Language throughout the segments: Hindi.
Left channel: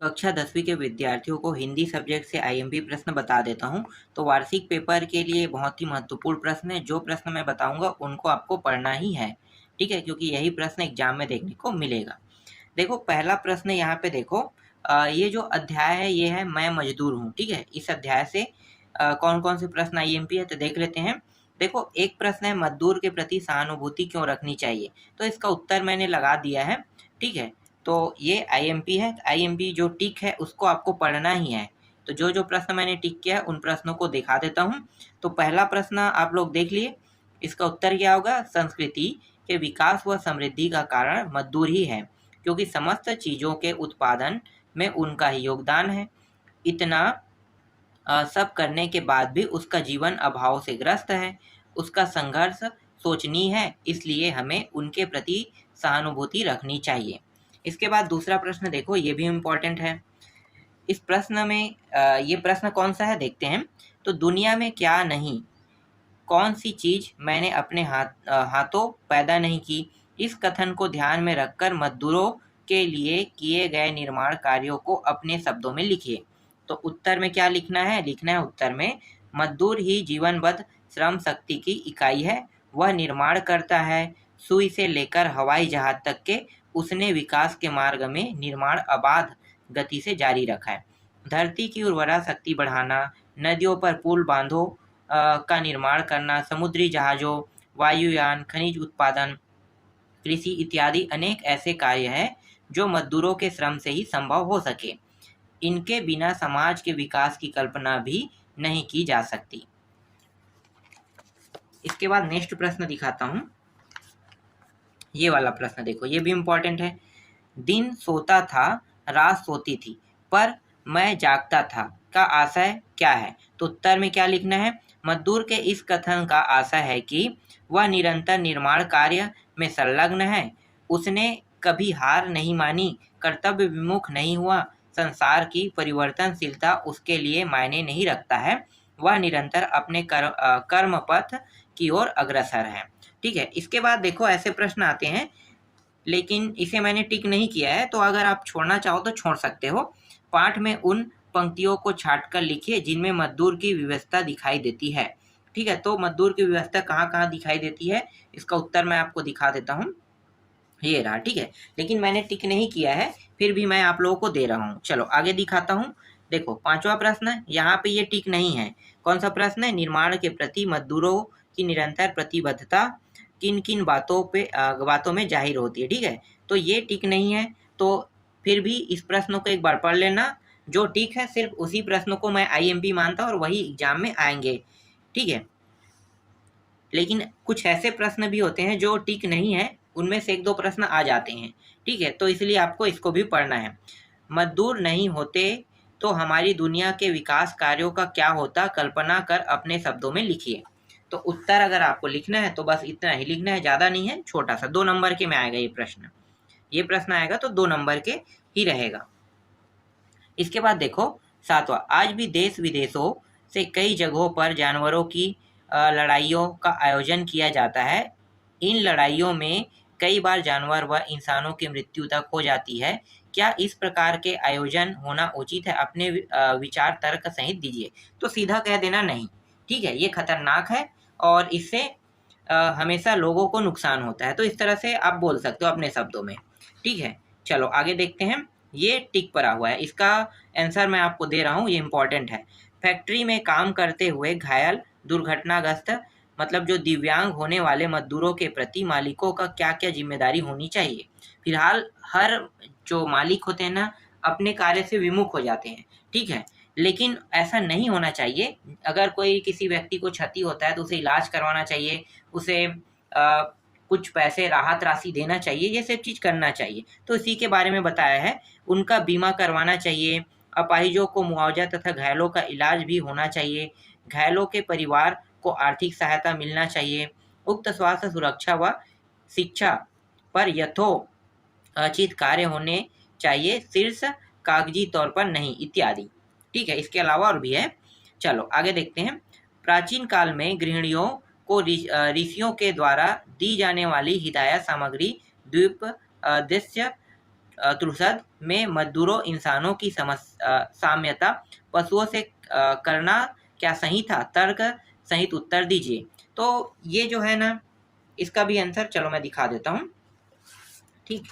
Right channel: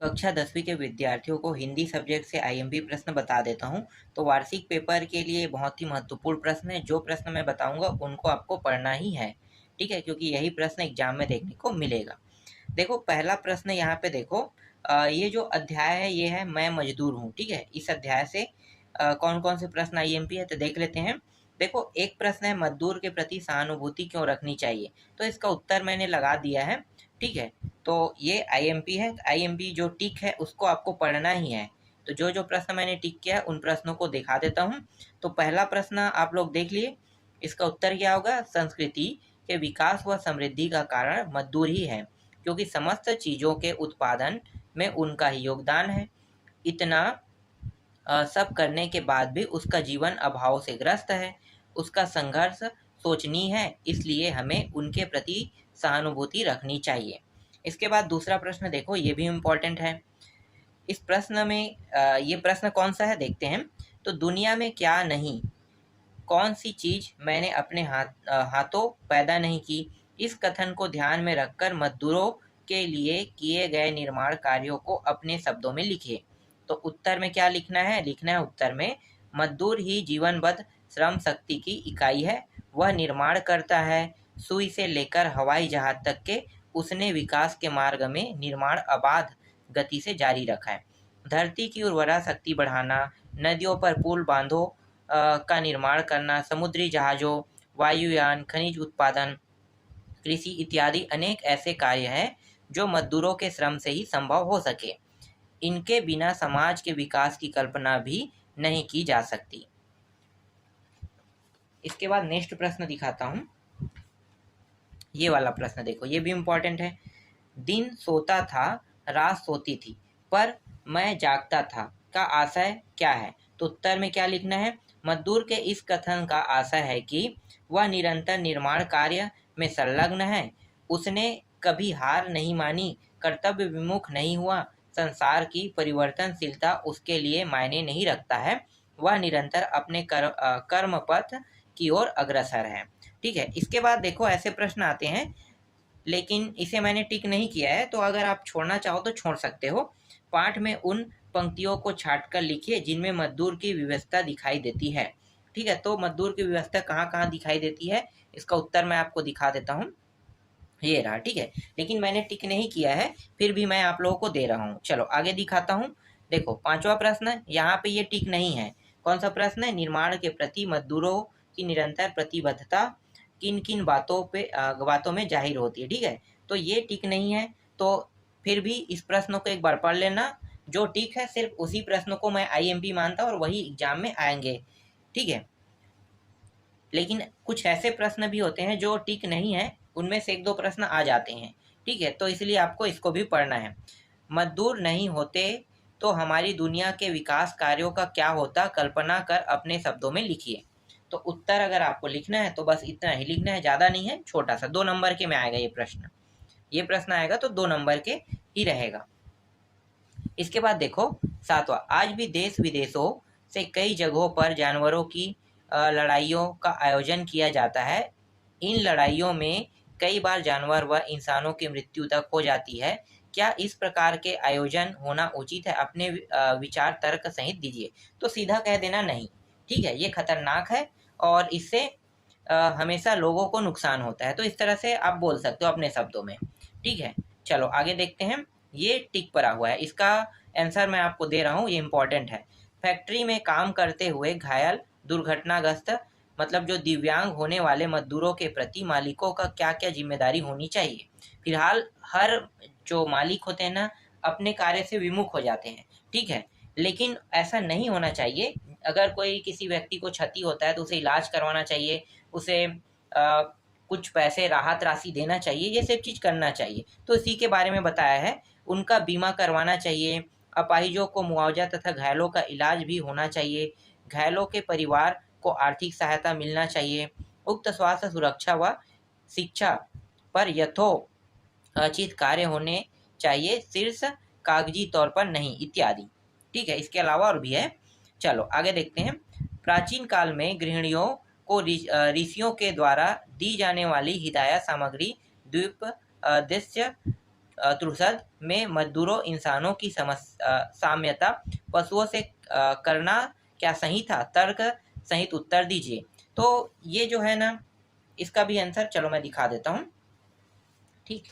कक्षा 10वीं के विद्यार्थियों को हिंदी सब्जेक्ट से आईएमपी प्रश्न बता देता हूँ। तो वार्षिक पेपर के लिए बहुत ही महत्वपूर्ण प्रश्न है। जो प्रश्न मैं बताऊँगा उनको आपको पढ़ना ही है, ठीक है? क्योंकि यही प्रश्न एग्ज़ाम में देखने को मिलेगा। देखो पहला प्रश्न यहाँ पे देखो, ये जो अध्याय है ये है मैं मज़दूर हूँ, ठीक है? इस अध्याय से कौन-कौन से प्रश्न आईएमपी है तो देख लेते हैं। देखो एक प्रश्न है मज़दूर के प्रति सहानुभूति क्यों रखनी चाहिए? तो इसका उत्तर मैंने लगा दिया है, ठीक है? तो ये आईएमपी है, आईएमपी जो टिक है उसको आपको पढ़ना ही है। तो जो-जो प्रश्न मैंने टिक किया है उन प्रश्नों को दिखा देता हूँ। तो पहला प्रश्न आप लोग देख लिए, इसका उत्तर क्या होगा? संस्कृति के विकास व समृद्धि का कारण मज़दूर ही है, क्योंकि समस्त चीज़ों के उत्पादन में उनका ही योगदान है। इतना सब करने के बाद भी उसका जीवन अभाव से ग्रस्त है। उसका संघर्ष सोचनीय है, इसलिए हमें उनके प्रति सहानुभूति रखनी चाहिए। इसके बाद दूसरा प्रश्न देखो, ये भी इम्पोर्टेंट है। इस प्रश्न में ये प्रश्न कौन-सा है देखते हैं। तो दुनिया में क्या नहीं, कौन-सी चीज़ मैंने अपने हाथों पैदा नहीं की? इस कथन को ध्यान में रखकर मज़दूरों के लिए किए गए निर्माण कार्यों को अपने शब्दों में लिखिए। तो उत्तर में क्या लिखना है? लिखना है उत्तर में मज़दूर ही जीवनबद्ध श्रम शक्ति की इकाई है। वह निर्माण करता है, सुई से लेकर हवाई जहाज़ तक के उसने विकास के मार्ग में निर्माण अबाध गति से जारी रखा है। धरती की उर्वरा शक्ति बढ़ाना, नदियों पर पुल बाँधों का निर्माण करना, समुद्री जहाज़ों, वायुयान, खनिज उत्पादन, कृषि इत्यादि अनेक ऐसे कार्य हैं जो मज़दूरों के श्रम से ही संभव हो सके। इनके बिना समाज के विकास की कल्पना भी नहीं की जा सकती। इसके बाद नेक्स्ट प्रश्न दिखाता हूँ। ये वाला प्रश्न देखो, ये भी इम्पोर्टेंट है। दिन सोता था, रात सोती थी, पर मैं जागता था का आशय क्या है? तो उत्तर में क्या लिखना है? मज़दूर के इस कथन का आशय है कि वह निरंतर निर्माण कार्य में संलग्न है। उसने कभी हार नहीं मानी, कर्तव्य विमुख नहीं हुआ, संसार की परिवर्तनशीलता उसके लिए मायने नहीं रखता है। वह निरंतर अपने कर्म पथ की ओर अग्रसर है। ठीक है? इसके बाद देखो ऐसे प्रश्न आते हैं, लेकिन इसे मैंने टिक नहीं किया है, तो अगर आप छोड़ना चाहो तो छोड़ सकते हो। पाठ में उन पंक्तियों को छाँट कर लिखिए जिनमें मज़दूर की व्यवस्था दिखाई देती है। ठीक है? तो मज़दूर की व्यवस्था कहाँ-कहाँ दिखाई देती है, इसका उत्तर मैं आपको दिखा देता हूँ। ये रहा, ठीक है? लेकिन मैंने टिक नहीं किया है, फिर भी मैं आप लोगों को दे रहा हूँ। चलो आगे दिखाता हूँ। देखो 5वां प्रश्न, यहाँ पे ये टिक नहीं है। कौन-सा प्रश्न है? निर्माण के प्रति मज़दूरों की निरंतर प्रतिबद्धता किन-किन बातों में ज़ाहिर होती है, ठीक है? तो ये टिक नहीं है, तो फिर भी इस प्रश्न को एक बार पढ़ लेना। जो टिक है सिर्फ़ उसी प्रश्न को मैं आईएमपी मानता हूँ और वही एग्ज़ाम में आएँगे, ठीक है? लेकिन कुछ ऐसे प्रश्न भी होते हैं जो टिक नहीं है, उनमें से 1-2 प्रश्न आ जाते हैं, ठीक है? तो इसलिए आपको इसको भी पढ़ना है। मज़दूर नहीं होते तो हमारी दुनिया के विकास कार्यों का क्या होता, कल्पना कर अपने शब्दों में लिखिए। तो उत्तर अगर आपको लिखना है तो बस इतना ही लिखना है, ज़्यादा नहीं है, छोटा-सा 2 नंबर के में आएगा ये प्रश्न। ये प्रश्न आएगा तो 2 नंबर के ही रहेगा। इसके बाद देखो 7वां, आज भी देश-विदेशों से कई जगहों पर जानवरों की लड़ाइयों का आयोजन किया जाता है। इन लड़ाइयों में कई बार जानवर व इंसानों की मृत्यु तक हो जाती है। क्या इस प्रकार के आयोजन होना उचित है? अपने विचार तर्क सहित दीजिए। तो सीधा कह देना नहीं, ठीक है? ये खतरनाक है और इससे हमेशा लोगों को नुकसान होता है। तो इस तरह से आप बोल सकते हो अपने शब्दों में, ठीक है? चलो आगे देखते हैं। ये टिक पड़ा हुआ है, इसका आंसर मैं आपको दे रहा हूँ, ये इम्पोर्टेंट है। फैक्ट्री में काम करते हुए घायल, दुर्घटनाग्रस्त मतलब जो दिव्यांग होने वाले मज़दूरों के प्रति मालिकों का क्या-क्या ज़िम्मेदारी होनी चाहिए? फिलहाल हर जो मालिक होते हैं ना, अपने कार्य से विमुख हो जाते हैं, ठीक है? लेकिन ऐसा नहीं होना चाहिए। अगर कोई किसी व्यक्ति को क्षति होता है तो उसे इलाज करवाना चाहिए, उसे कुछ पैसे राहत राशि देना चाहिए, ये सब चीज़ करना चाहिए। तो इसी के बारे में बताया है। उनका बीमा करवाना चाहिए, अपाहिजों को मुआवजा तथा घायलों का इलाज भी होना चाहिए, घायलों के परिवार को आर्थिक सहायता मिलना चाहिए, उक्त स्वास्थ्य सुरक्षा व शिक्षा पर यथोचित कार्य होने चाहिए, शीर्ष कागजी तौर पर नहीं, इत्यादि। ठीक है, इसके अलावा और भी है। चलो आगे देखते हैं। प्राचीन काल में गृहिणियों को ऋषियों के द्वारा दी जाने वाली हिदायत सामग्री द्वीप दृश्य त्रुसद में मजदूरों इंसानों की साम्यता पशुओं से करना क्या सही था? तर्क सहित उत्तर दीजिए। तो ये जो है ना, इसका भी आंसर चलो मैं दिखा देता हूँ। ठीक,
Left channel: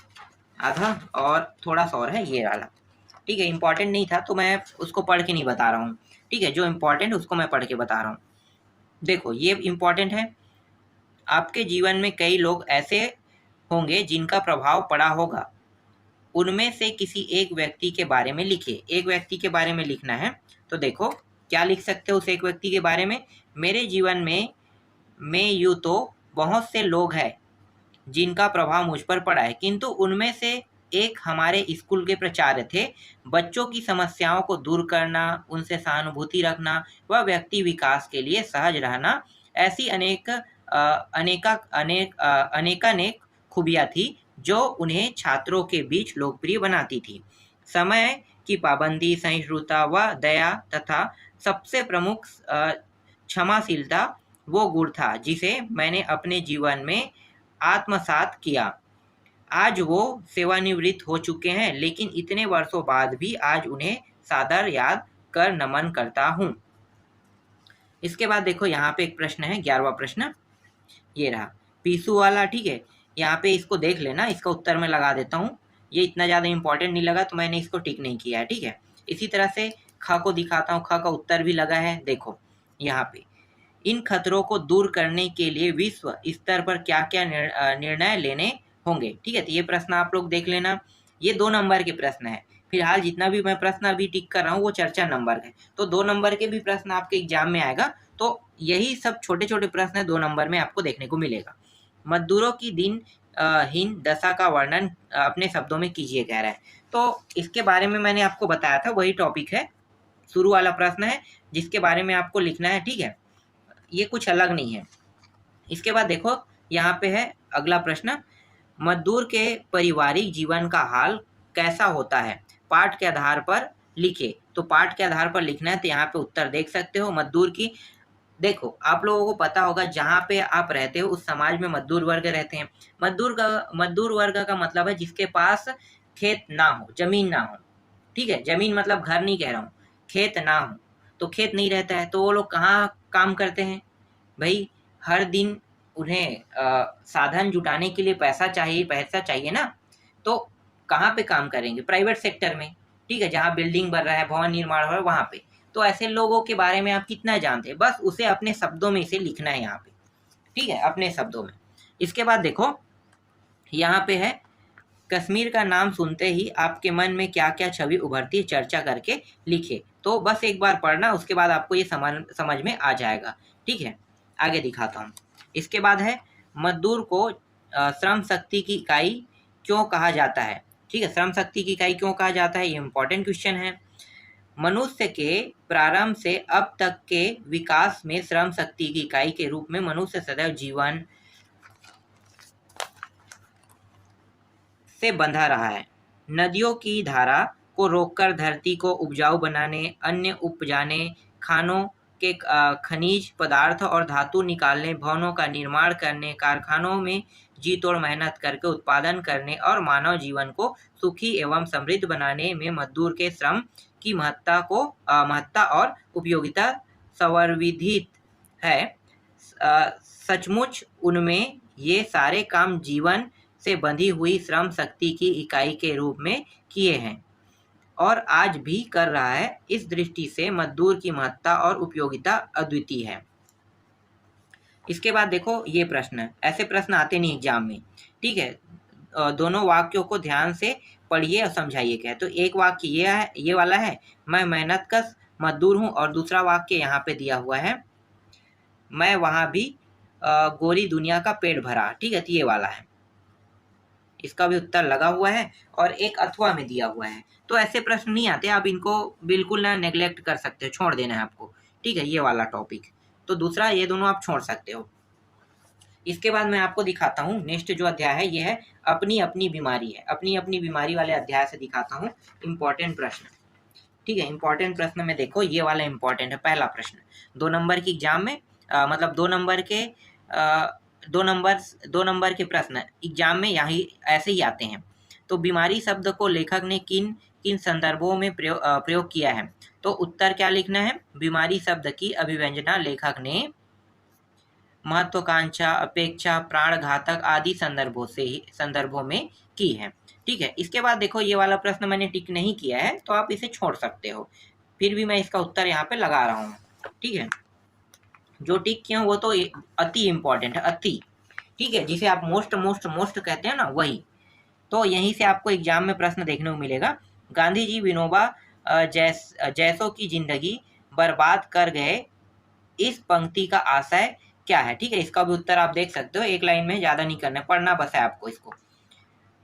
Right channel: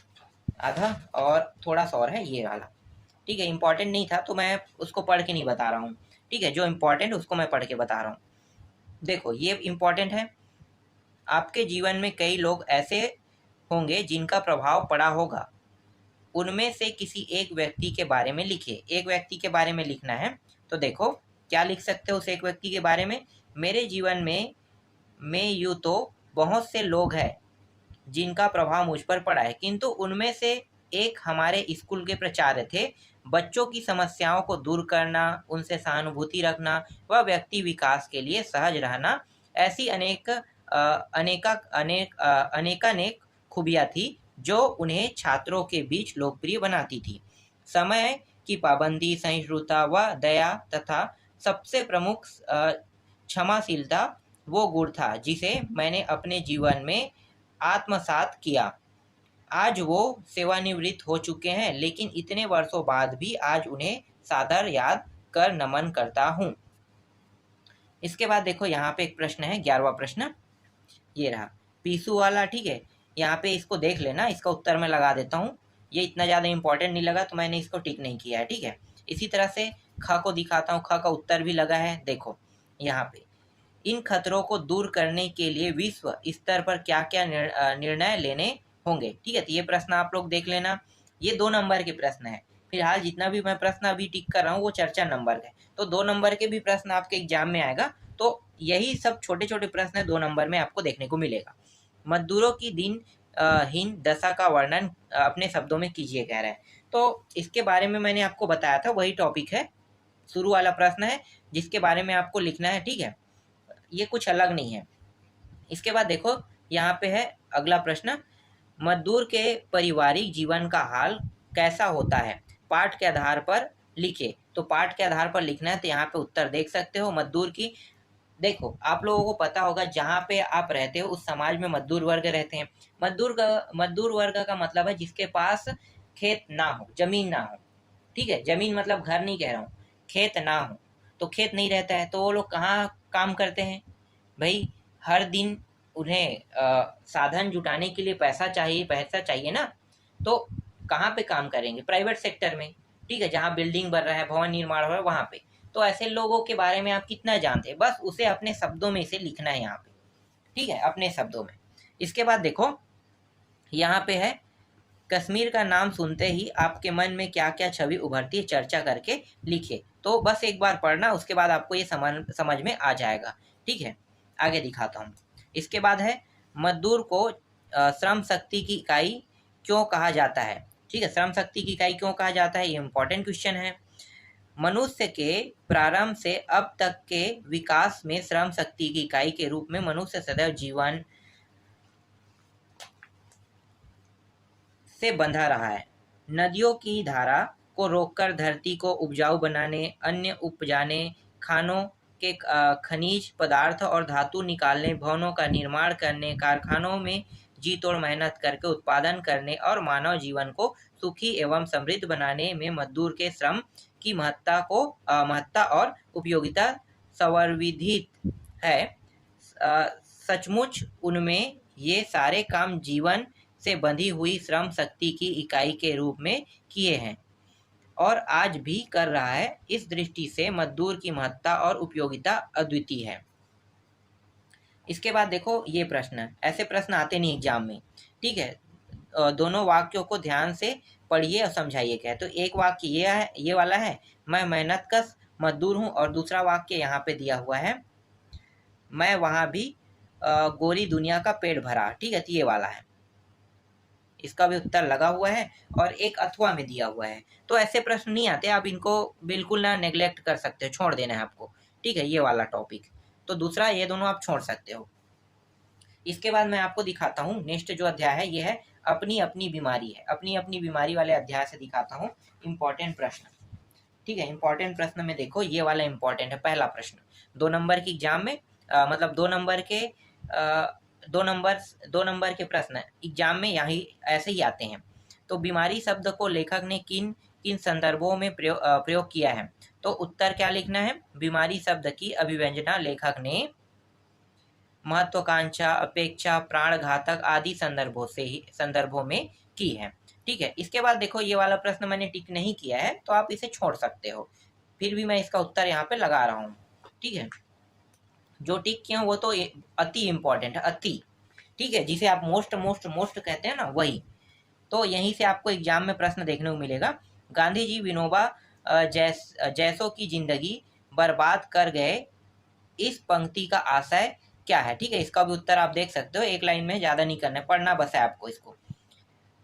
आधा और थोड़ा सा और है ये वाला। ठीक है, इंपॉर्टेंट नहीं था तो मैं उसको पढ़ के नहीं बता रहा हूँ। ठीक है, जो इम्पोर्टेंट है उसको मैं पढ़ के बता रहा हूँ। देखो ये इम्पोर्टेंट है। आपके जीवन में कई लोग ऐसे होंगे जिनका प्रभाव पड़ा होगा। उनमें से किसी एक व्यक्ति के बारे में लिखिए। एक व्यक्ति के बारे में लिखना है। तो देखो क्या लिख सकते हो उस एक व्यक्ति के बारे में? मेरे जीवन में यूँ तो बहुत से लोग हैं जिनका प्रभाव मुझ पर पड़ा है, किंतु उनमें से एक हमारे स्कूल के प्राचार्य थे। बच्चों की समस्याओं को दूर करना, उनसे सहानुभूति रखना व व्यक्ति विकास के लिए सहज रहना, ऐसी अनेकानेक खूबियाँ थी जो उन्हें छात्रों के बीच लोकप्रिय बनाती थी। समय की पाबंदी, सहिष्णुता व दया तथा सबसे प्रमुख क्षमाशीलता वो गुण था जिसे मैंने अपने जीवन में आत्मसात किया। आज वो सेवानिवृत्त हो चुके हैं, लेकिन इतने वर्षों बाद भी आज उन्हें सादर याद कर नमन करता हूँ। इसके बाद देखो यहाँ पे एक प्रश्न है, 11वां प्रश्न ये रहा, पीसू वाला। ठीक है, यहाँ पे इसको देख लेना, इसका उत्तर मैं लगा देता हूँ। ये इतना ज़्यादा इंपॉर्टेंट नहीं लगा तो मैंने इसको टिक नहीं किया है। ठीक है, इसी तरह से ख को दिखाता हूँ। ख का उत्तर भी लगा है। देखो यहाँ पे, इन खतरों को दूर करने के लिए विश्व स्तर पर क्या क्या निर्णय लेने होंगे। ठीक है, तो ये प्रश्न आप लोग देख लेना। ये 2 नंबर के प्रश्न है। फिलहाल जितना भी मैं प्रश्न अभी टिक कर रहा हूँ वो चर्चा नंबर के, तो 2 नंबर के भी प्रश्न आपके एग्जाम में आएगा। तो यही सब छोटे छोटे प्रश्न 2 नंबर में आपको देखने को मिलेगा। मजदूरों की हीन दशा का वर्णन अपने शब्दों में कीजिए कह रहा है। तो इसके बारे में मैंने आपको बताया था, वही टॉपिक है, शुरू वाला प्रश्न है जिसके बारे में आपको लिखना है। ठीक है, ये कुछ अलग नहीं है। इसके बाद देखो यहाँ पे है अगला प्रश्न, मजदूर के पारिवारिक जीवन का हाल कैसा होता है? पाठ के आधार पर लिखे। तो पाठ के आधार पर लिखना है, तो यहाँ पे उत्तर देख सकते हो। मजदूर की, देखो आप लोगों को पता होगा जहाँ पे आप रहते हो उस समाज में मजदूर वर्ग रहते हैं। मजदूर वर्ग का मतलब है जिसके पास खेत ना हो, जमीन ना हो। ठीक है, जमीन मतलब घर नहीं कह रहा हूँ, खेत ना हो। तो खेत नहीं रहता है तो वो लोग कहाँ काम करते हैं भाई? हर दिन उन्हें साधन जुटाने के लिए पैसा चाहिए ना, तो कहाँ पे काम करेंगे? प्राइवेट सेक्टर में। ठीक है, जहाँ बिल्डिंग बन रहा है, भवन निर्माण हो रहा है, वहाँ पे। तो ऐसे लोगों के बारे में आप कितना जानते हैं, बस उसे अपने शब्दों में इसे लिखना है यहाँ पे। ठीक है, अपने शब्दों में। इसके बाद देखो यहाँ पे है, कश्मीर का नाम सुनते ही आपके मन में क्या क्या छवि उभरती है, चर्चा करके लिखे। तो बस एक बार पढ़ना, उसके बाद आपको ये समझ में आ जाएगा। ठीक है, आगे दिखाता हूँ। इसके बाद है, मजदूर को श्रम शक्ति की इकाई क्यों कहा जाता है? ठीक है, श्रम शक्ति की इकाई क्यों कहा जाता है, ये इंपॉर्टेंट क्वेश्चन है। मनुष्य के प्रारंभ से अब तक के विकास में श्रम शक्ति की इकाई के रूप में मनुष्य सदैव जीवन से बंधा रहा है। नदियों की धारा को रोककर धरती को उपजाऊ बनाने, अन्न उपजाने, खानों के खनिज पदार्थ और धातु निकालने, भवनों का निर्माण करने, कारखानों में जी तोड़ मेहनत करके उत्पादन करने और मानव जीवन को सुखी एवं समृद्ध बनाने में मजदूर के श्रम की महत्ता और उपयोगिता सर्वविदित है। सचमुच उनमें ये सारे काम जीवन से बंधी हुई श्रम शक्ति की इकाई के रूप में किए हैं और आज भी कर रहा है। इस दृष्टि से मजदूर की महत्ता और उपयोगिता अद्वितीय है। इसके बाद देखो ये प्रश्न, ऐसे प्रश्न आते नहीं एग्जाम में। ठीक है, दोनों वाक्यों को ध्यान से पढ़िए और समझाइए क्या है। तो एक वाक्य ये है, ये वाला है, मैं मेहनतकश मजदूर हूँ, और दूसरा वाक्य यहाँ पे दिया हुआ है, मैं वहाँ भी गोरी दुनिया का पेट भरा। ठीक है, तो ये वाला है, इसका भी उत्तर लगा हुआ है और एक अथवा में दिया हुआ है। तो ऐसे प्रश्न नहीं आते, आप इनको बिल्कुल ना नेग्लेक्ट कर सकते हो, छोड़ देना है आपको। ठीक है, ये वाला टॉपिक, तो दूसरा ये दोनों आप छोड़ सकते हो। इसके बाद मैं आपको दिखाता हूँ नेक्स्ट जो अध्याय है, ये है अपनी अपनी बीमारी है। अपनी अपनी बीमारी वाले अध्याय से दिखाता हूँ इंपॉर्टेंट प्रश्न। ठीक है, इंपॉर्टेंट प्रश्न में देखो ये वाला इंपॉर्टेंट है। पहला प्रश्न 2 नंबर की एग्जाम में मतलब 2 नंबर के 2 नंबर के प्रश्न एग्जाम में यहाँ ऐसे ही आते हैं। तो बीमारी शब्द को लेखक ने किन किन संदर्भों में प्रयोग किया है? तो उत्तर क्या लिखना है? बीमारी शब्द की अभिव्यंजना लेखक ने महत्वाकांक्षा, अपेक्षा, प्राणघातक आदि संदर्भों में की है। ठीक है, इसके बाद देखो ये वाला प्रश्न मैंने टिक नहीं किया है तो आप इसे छोड़ सकते हो, फिर भी मैं इसका उत्तर यहाँ पे लगा रहा हूँ। ठीक है, जो टिक किया वो तो अति इंपॉर्टेंट है, अति। ठीक है, जिसे आप मोस्ट मोस्ट मोस्ट कहते हैं ना, वही। तो यहीं से आपको एग्जाम में प्रश्न देखने को मिलेगा। गांधी जी विनोबा जैसों की जिंदगी बर्बाद कर गए, इस पंक्ति का आशय क्या है? ठीक है, इसका भी उत्तर आप देख सकते हो, एक लाइन में ज्यादा नहीं करना, पढ़ना बस है आपको इसको।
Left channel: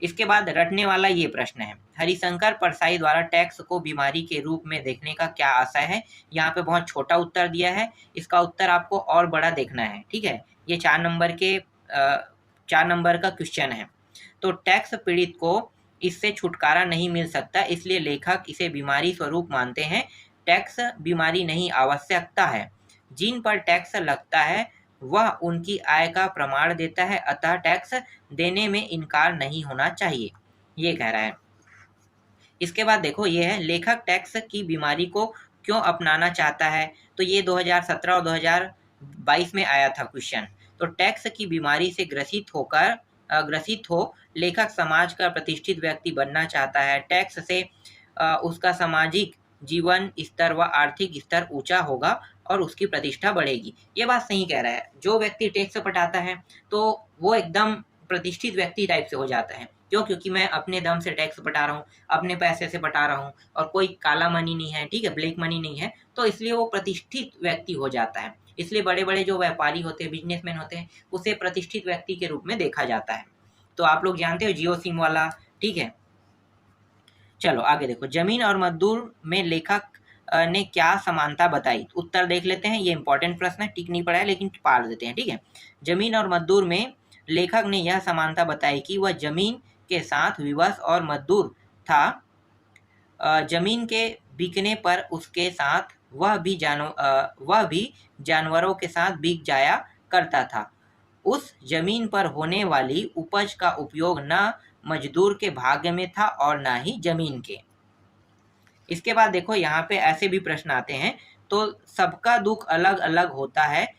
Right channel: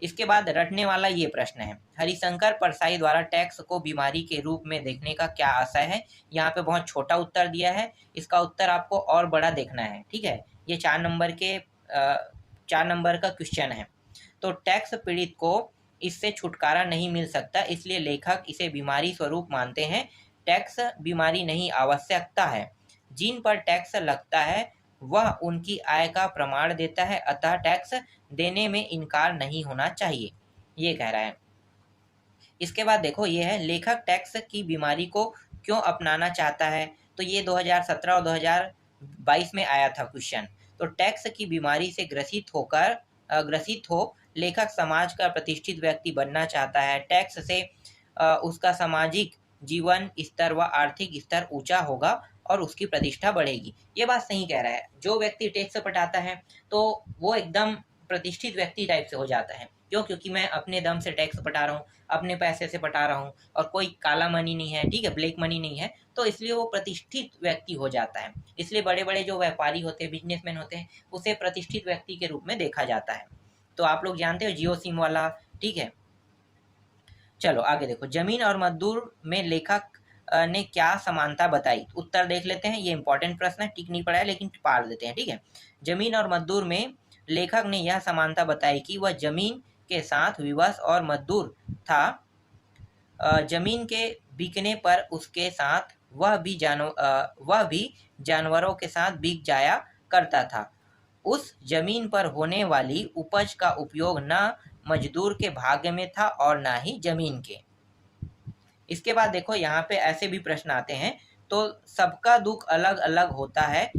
इसके बाद रटने वाला ये प्रश्न है, हरिशंकर परसाई द्वारा टैक्स को बीमारी के रूप में देखने का क्या आशय है? यहाँ पे बहुत छोटा उत्तर दिया है, इसका उत्तर आपको और बड़ा देखना है। ठीक है, ये 4 नंबर का क्वेश्चन है। तो टैक्स पीड़ित को इससे छुटकारा नहीं मिल सकता, इसलिए लेखक इसे बीमारी स्वरूप मानते हैं। टैक्स बीमारी नहीं, आवश्यकता है। जिन पर टैक्स लगता है वह उनकी आय का प्रमाण देता है, अतः टैक्स देने में इनकार नहीं होना चाहिए, ये कह रहा है। इसके बाद देखो ये है, लेखक टैक्स की बीमारी को क्यों अपनाना चाहता है? तो ये 2017 और 2022 में आया था क्वेश्चन। तो टैक्स की बीमारी से ग्रसित हो लेखक समाज का प्रतिष्ठित व्यक्ति बनना चाहता है। टैक्स से उसका सामाजिक जीवन स्तर व आर्थिक स्तर ऊंचा होगा और उसकी प्रतिष्ठा बढ़ेगी। ये बात सही कह रहा है, जो व्यक्ति टैक्स पटाता है तो वो एकदम प्रतिष्ठित व्यक्ति टाइप से हो जाता है। क्यों? क्योंकि मैं अपने दम से टैक्स पटा रहा हूँ, अपने पैसे से पटा रहा हूँ, और कोई काला मनी नहीं है, ठीक है, ब्लैक मनी नहीं है, तो इसलिए वो प्रतिष्ठित व्यक्ति हो जाता है। इसलिए बड़े बड़े जो व्यापारी होते हैं, बिजनेसमैन होते हैं, उसे प्रतिष्ठित व्यक्ति के रूप में देखा जाता है। तो आप लोग जानते हो जियो सिम वाला। ठीक है, चलो आगे देखो, जमीन और मजदूर में लेखक ने क्या समानता बताई? उत्तर देख लेते हैं, ये इंपॉर्टेंट प्रश्न है, टिक नहीं पड़ा है लेकिन पढ़ देते हैं। ठीक है, जमीन और मजदूर में लेखक ने यह समानता बताई कि वह जमीन के साथ विवश और मजदूर था। जमीन के बिकने पर उसके साथ वह भी जानवरों के साथ बिक जाया करता था। उस जमीन पर होने वाली उपज का उपयोग न मजदूर के भाग्य में था और ना ही जमीन के। इसके बाद देखो यहाँ पे ऐसे भी प्रश्न आते हैं, तो सबका दुख अलग अलग होता है,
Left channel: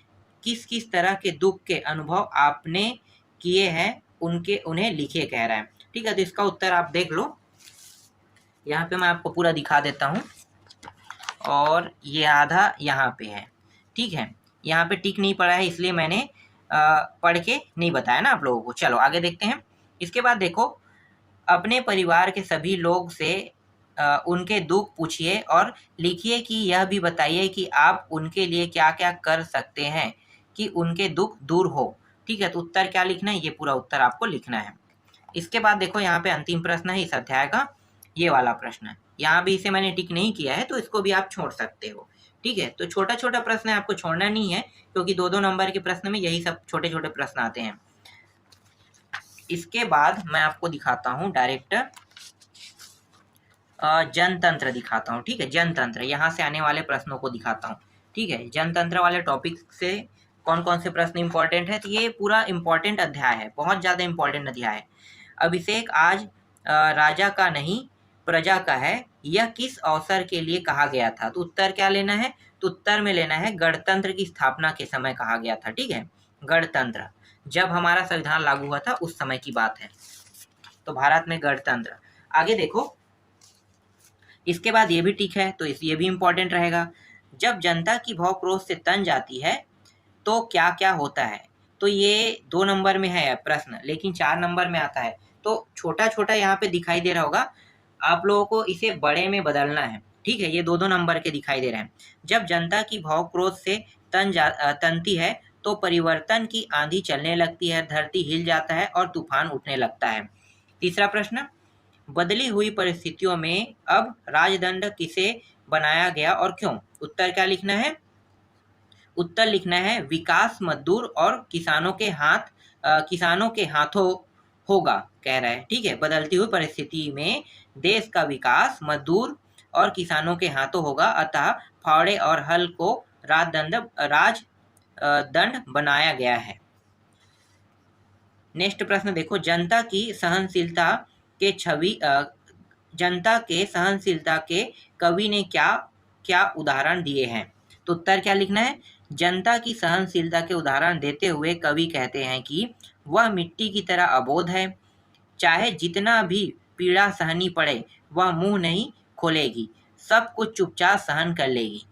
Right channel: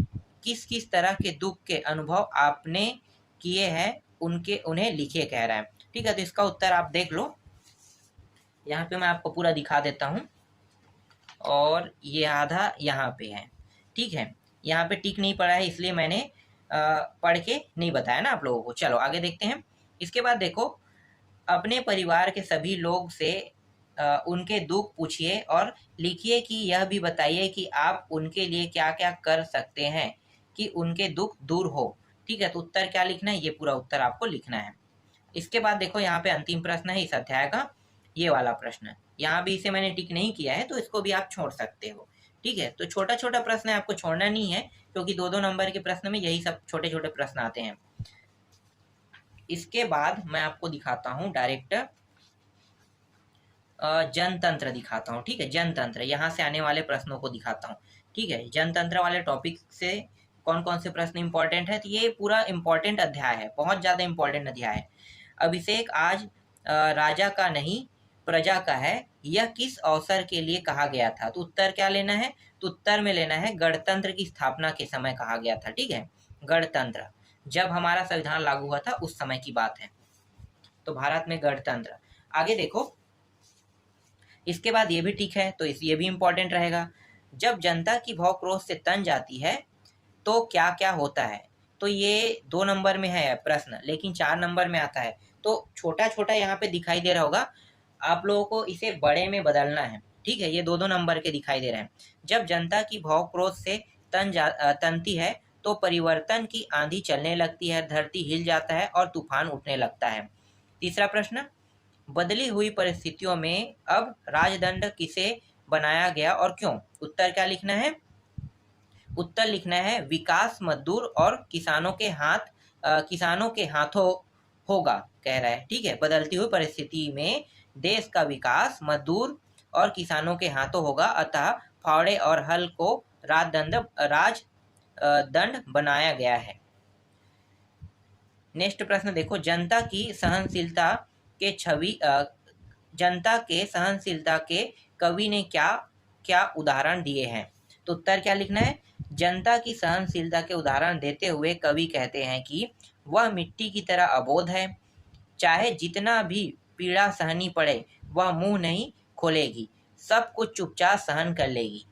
किस किस तरह के दुख के अनुभव आपने किए हैं उन्हें लिखिए, कह रहा है। ठीक है, तो इसका उत्तर आप देख लो, यहाँ पे मैं आपको पूरा दिखा देता हूँ, और ये आधा यहाँ पे है। ठीक है, यहाँ पे टिक नहीं पड़ा है इसलिए मैंने पढ़ के नहीं बताया ना आप लोगों को। चलो आगे देखते हैं। इसके बाद देखो, अपने परिवार के सभी लोग से उनके दुख पूछिए और लिखिए कि यह भी बताइए कि आप उनके लिए क्या क्या कर सकते हैं कि उनके दुख दूर हो। ठीक है, तो उत्तर क्या लिखना है, ये पूरा उत्तर आपको लिखना है। इसके बाद देखो यहाँ पे अंतिम प्रश्न है इस अध्याय का, ये वाला प्रश्न। यहाँ भी इसे मैंने टिक नहीं किया है तो इसको भी आप छोड़ सकते हो। ठीक है, तो छोटा छोटा प्रश्न है, आपको छोड़ना नहीं है, क्योंकि 2-2 नंबर के प्रश्न में यही सब छोटे छोटे प्रश्न आते हैं। इसके बाद मैं आपको दिखाता हूँ डायरेक्ट जनतंत्र दिखाता हूँ। ठीक है, जनतंत्र, यहाँ से आने वाले प्रश्नों को दिखाता हूँ। ठीक है, जनतंत्र वाले टॉपिक से कौन कौन से प्रश्न इंपॉर्टेंट है, तो ये पूरा इंपॉर्टेंट अध्याय है, बहुत ज़्यादा इंपॉर्टेंट अध्याय है। अभिषेक आज राजा का नहीं प्रजा का है, यह किस अवसर के लिए कहा गया था? तो उत्तर क्या लेना है? तो उत्तर में लेना है गणतंत्र की स्थापना के समय कहा गया था। ठीक है, गणतंत्र जब हमारा संविधान लागू हुआ था उस समय की बात है, तो भारत में गणतंत्र। आगे देखो, इसके बाद ये भी ठीक है, तो ये भी इंपॉर्टेंट रहेगा। जब जनता की भौ क्रोध से तन जाती है तो क्या क्या होता है? तो ये 2 नंबर में है प्रश्न, लेकिन 4 नंबर में आता है, तो छोटा छोटा यहाँ पे दिखाई दे रहा होगा, आप लोगों को इसे बड़े में बदलना है। ठीक है, ये 2-2 नंबर के दिखाई दे रहे हैं। जब जनता की भौ क्रोध से तनती है तो परिवर्तन की आंधी चलने लगती है, धरती हिल जाता है और तूफान उठने लगता है। तीसरा प्रश्न, बदली हुई परिस्थितियों में अब राजदंड किसे बनाया गया और क्यों? उत्तर क्या लिखना है? उत्तर लिखना है विकास मजदूर और किसानों के हाथों होगा, कह रहा है। ठीक है, बदलती हुई परिस्थिति में देश का विकास मजदूर और किसानों के हाथों होगा, अतः फावड़े और हल को राजदंड बनाया गया है। नेक्स्ट प्रश्न देखो, जनता की सहनशीलता के छवि जनता के सहनशीलता के कवि ने क्या क्या उदाहरण दिए हैं। तो उत्तर क्या लिखना है, जनता की सहनशीलता के उदाहरण देते हुए कवि कहते हैं कि वह मिट्टी की तरह अबोध है, चाहे जितना भी पीड़ा सहनी पड़े वह मुंह नहीं खोलेगी, सब कुछ चुपचाप सहन कर लेगी।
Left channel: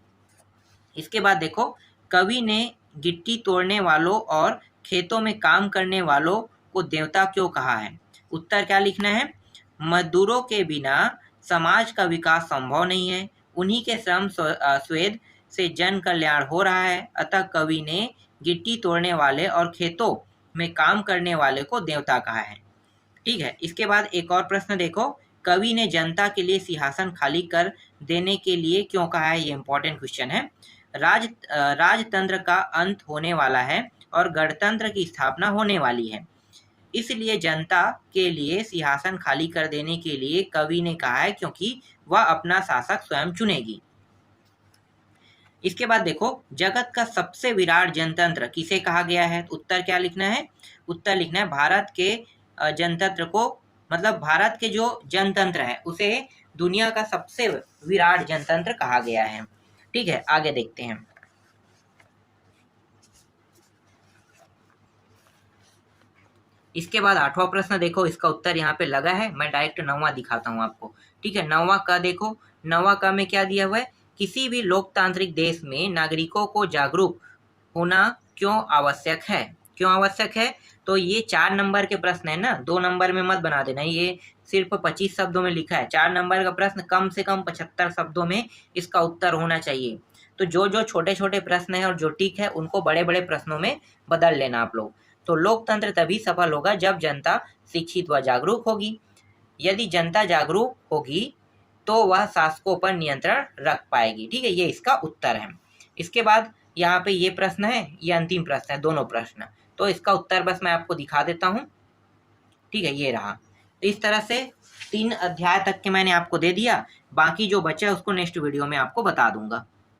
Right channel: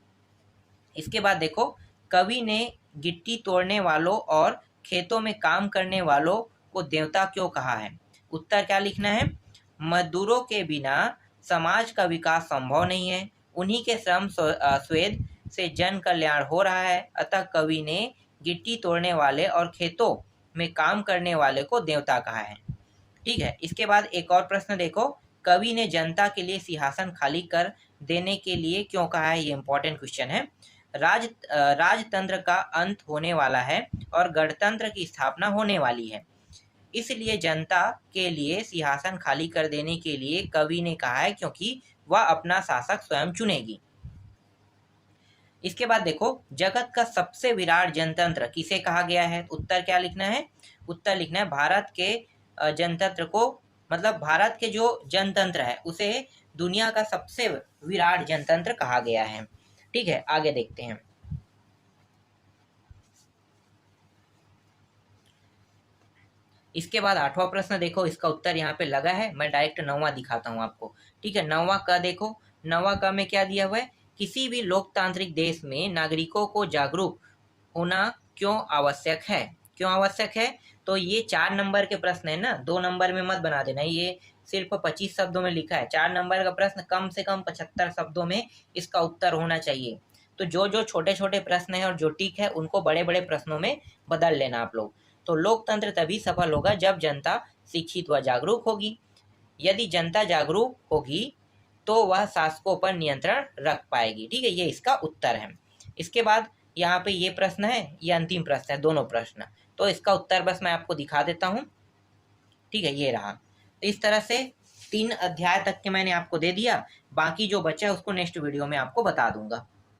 इसके बाद देखो, कवि ने गिट्टी तोड़ने वालों और खेतों में काम करने वालों को देवता क्यों कहा है। उत्तर क्या लिखना है, मजदूरों के बिना समाज का विकास संभव नहीं है, उन्हीं के श्रम स्वेद से जन कल्याण हो रहा है, अतः कवि ने गिट्टी तोड़ने वाले और खेतों में काम करने वाले को देवता कहा है। ठीक है, इसके बाद एक और प्रश्न देखो, कवि ने जनता के लिए सिंहासन खाली कर देने के लिए क्यों कहा है। ये इंपॉर्टेंट क्वेश्चन है। राजतंत्र का अंत होने वाला है और गणतंत्र की स्थापना होने वाली है, इसलिए जनता के लिए सिंहासन खाली कर देने के लिए कवि ने कहा है, क्योंकि वह अपना शासक स्वयं चुनेगी। इसके बाद देखो, जगत का सबसे विराट जनतंत्र किसे कहा गया है। उत्तर क्या लिखना है, उत्तर लिखना है भारत के जनतंत्र को, मतलब भारत के जो जनतंत्र है उसे दुनिया का सबसे विराट जनतंत्र कहा गया है। ठीक है, आगे देखते हैं। इसके बाद 8वां प्रश्न देखो, इसका उत्तर यहाँ पे लगा है, मैं डायरेक्ट 9वां दिखाता हूँ आपको। ठीक है, 9वां का देखो, 9वां का में क्या दिया हुआ है, किसी भी लोकतांत्रिक देश में नागरिकों को जागरूक होना क्यों आवश्यक है। क्यों आवश्यक है, तो ये 4 नंबर के प्रश्न है ना, 2 नंबर में मत बना देना, ये सिर्फ 25 शब्दों में लिखा है। 4 नंबर का प्रश्न कम से कम 75 शब्दों में इसका उत्तर होना चाहिए। तो जो जो छोटे छोटे प्रश्न है और जो टिक है उनको बड़े बड़े प्रश्नों में बदल लेना आप लोग। तो लोकतंत्र तभी सफल होगा जब जनता शिक्षित व जागरूक होगी। यदि जनता जागरूक होगी तो वह शासकों पर नियंत्रण रख पाएगी। ठीक है, ये इसका उत्तर है। इसके बाद यहाँ पे ये प्रश्न है, ये अंतिम प्रश्न है, दोनों प्रश्न, तो इसका उत्तर बस मैं आपको दिखा देता हूँ। ठीक है, ये रहा। तो इस तरह से 3 अध्याय तक के मैंने आपको दे दिया, बाकी जो बचा उसको नेक्स्ट वीडियो में आपको बता दूंगा।